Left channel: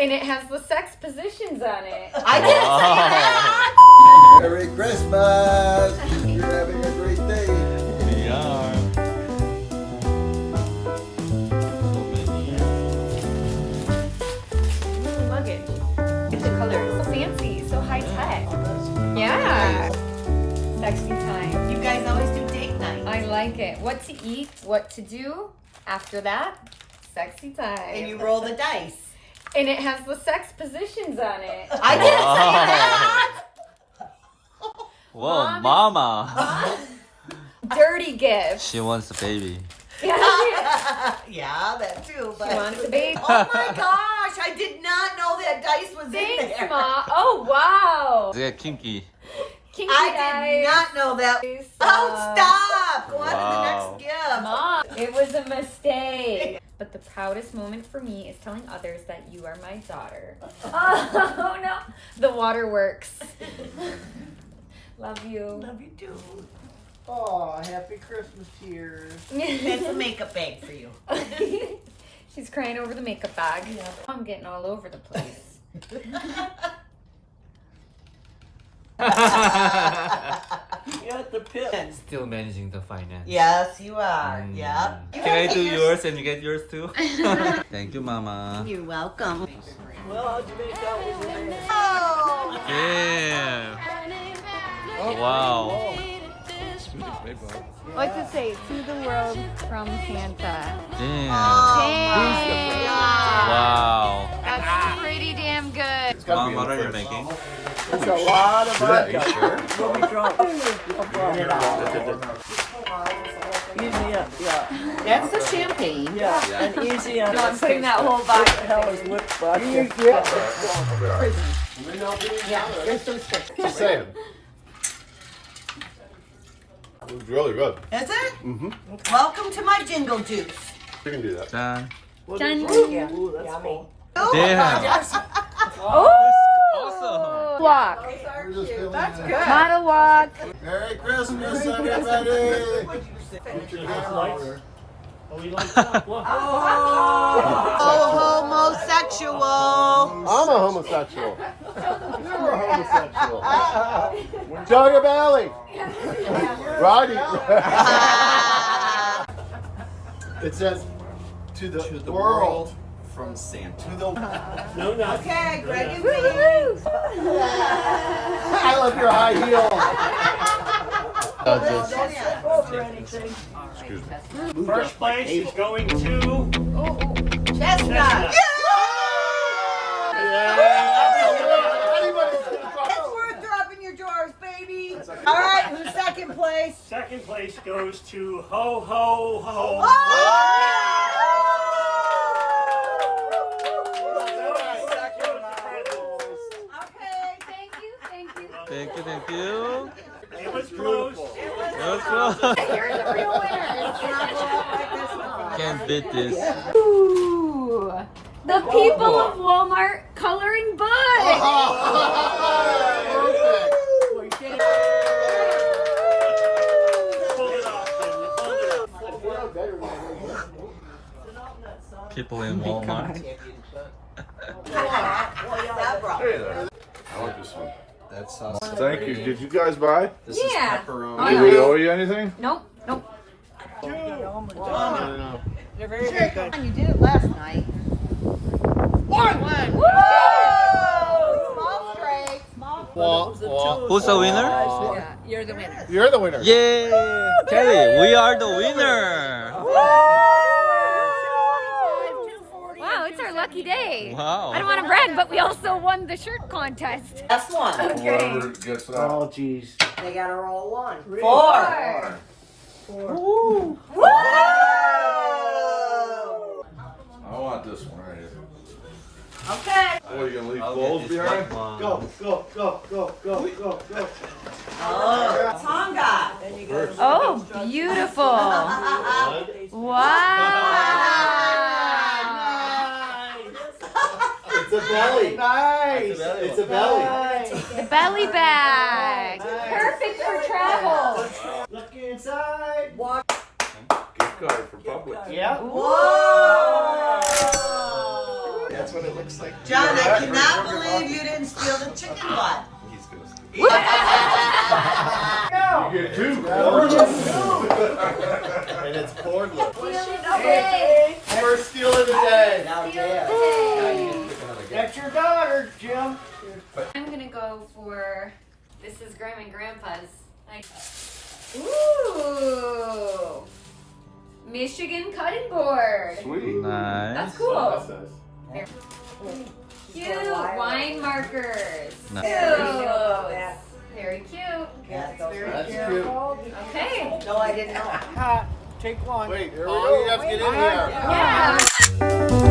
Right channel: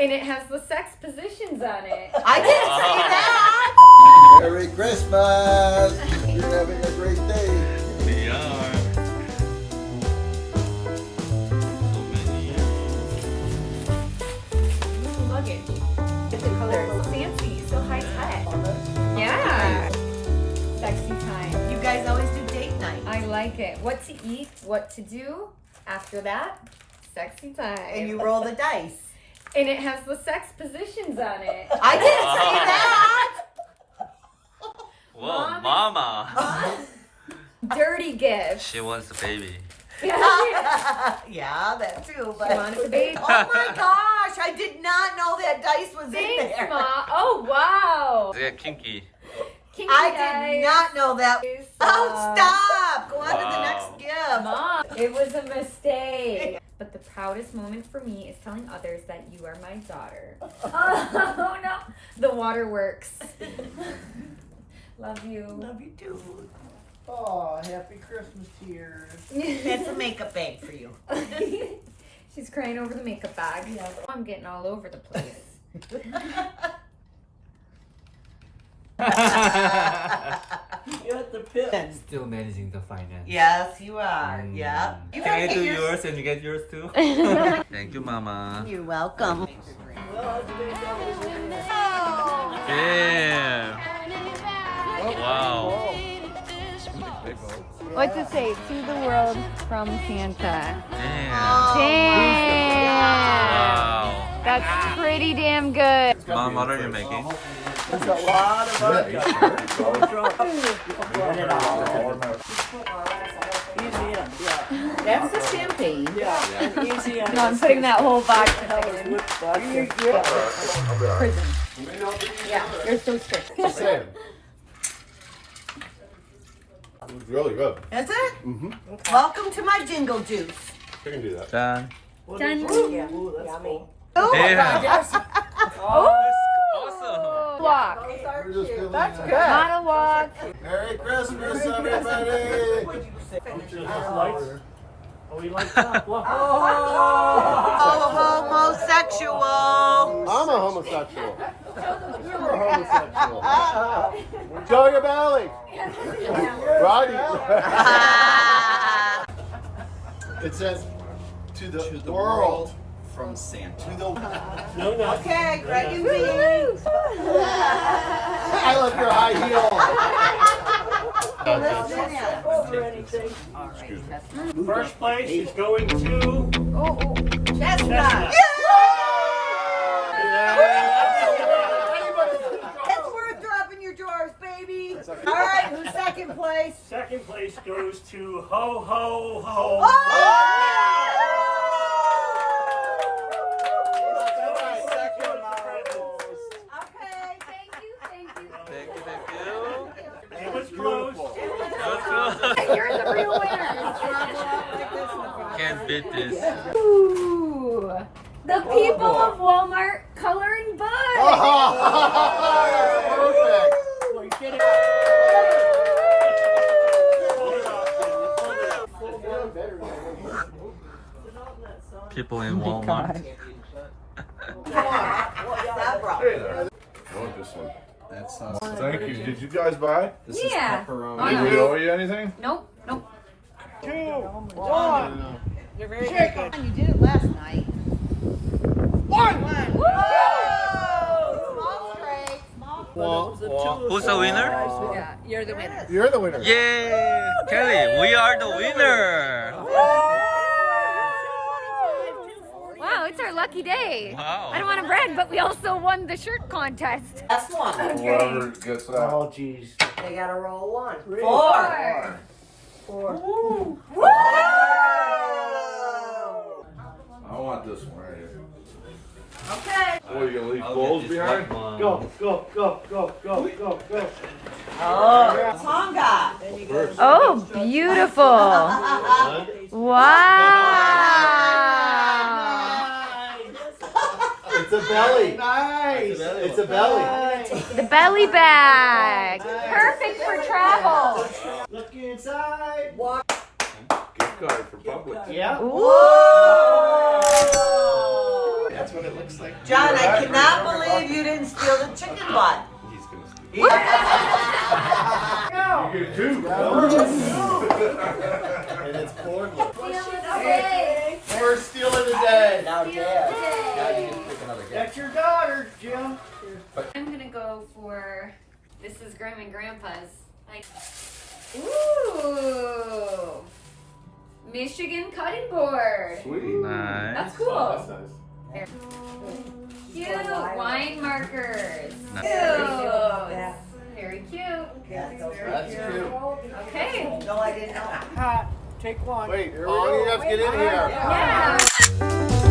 And it has the sex positions on it. I didn't say that! Merry Christmas! You're having a great day. We are. Luggage. It's the color. So fancy. So high tech. Yeah. Sexy time. You guys always do date night. I like it. What to eat, what to do. After that, sexy time. And you roll the dice. And it has the sex positions on it. I didn't say that! Whoa, mama. Dirty gift. She wants a baby. Yeah, Yeah, that too, but... she wants a baby. Oh my gosh, I did not know that dice was in Thanks, there. Ma. Oh, wow. They're kinky. Kinky I dice. did not know that. Oh, stop! Go on to the Wow. next gift. Mom, it was a mistake. But the proudest moment for me is telling others that you are my daughter. Oh, no. The waterworks. Love you. Love you too. Oh, happy Christmas year. It's a makeup bag for you. She's crying over the makeup bag. Yeah. I'm getting all over the place. You got the pit. Still managing the finance. Yes, you are. Yeah. You Can I gotta do get yours and you get yours too? Thank you, mama. You're welcome. Well, how'd you make out with your man? Yeah. Wow. What's it say? To the world from Santa. Damn. Damn. Wow. That's pretty damn good. Mom, what are you making? That's a lot of vodka. Easy up, yeah. That's the champagne. Yeah, and easy up. I'm putting that whole box in That there. was whipped vodka. You're so strict. Just saying. It was really good. Is it? Mm-hmm. Welcome to my jingle juice. We can do that. 짠. Done. Ooh, that's cool. Damn. Oh, Awesome. walk. We're just feeling Not a walk. Merry Christmas, everybody! Oh, he likes that. Look. Oh, homosexual. I'm a homosexual. You're a homosexual. Enjoy your belly. Roddy. It says to the world from Santa. to the. No, no. Okay, Greg, you win. I love your high heel. First place is going to Chestnut. Anybody? It's worth dropping your drawers, baby. All right, who's second place? second place goes to Ho Ho Ho. Okay, Thank you. Thank you, thank you. It was close. You're the real winner. Can't beat this. Ooh, the people of Walmart coloring books. Perfect. Hold it off, Hold it off. People in Walmart. Hey there. I want this one. That's Thank you. Did you guys buy? This Yeah. is pepperoni. Did we owe you anything? Nope. They're very, very good. You did it last night. One. Woo! Small straight. Who's the winner? Yeah, you're the winner. You're the winner. Yay! Kelly, we are the winner! Wow, it's our lucky day. Wow. I don't want to brag, but we also won the shirt contest. That's one. Whoever gets that. Oh, jeez. They gotta roll one. Four. Woo! I want this one right here. Okay. What, are you gonna leave bowls behind? Go, go, go, go, go, go, go. Oh, Tonga. Oh, beautiful. Wow. It's a belly. Nice. It's a belly. The belly bag. Perfect for travel. Look inside. Gift card for Publix. Yeah. Whoa! That's my what it looks like. John, I cannot believe you didn't steal the chicken butt. He's gonna steal. You get two. And it's cordless. Okay. First steal of the day. That's your daughter, Jim. I'm gonna go for this is Grandma and Grandpa's. Like, ooh, Michigan cutting board. Sweet. Nice. That's cool. Cute wine markers. Nice. Cute. Very cute. That's cute. Okay. No, I didn't know. Take one. Wait, Paul, you have to get in here. Yeah.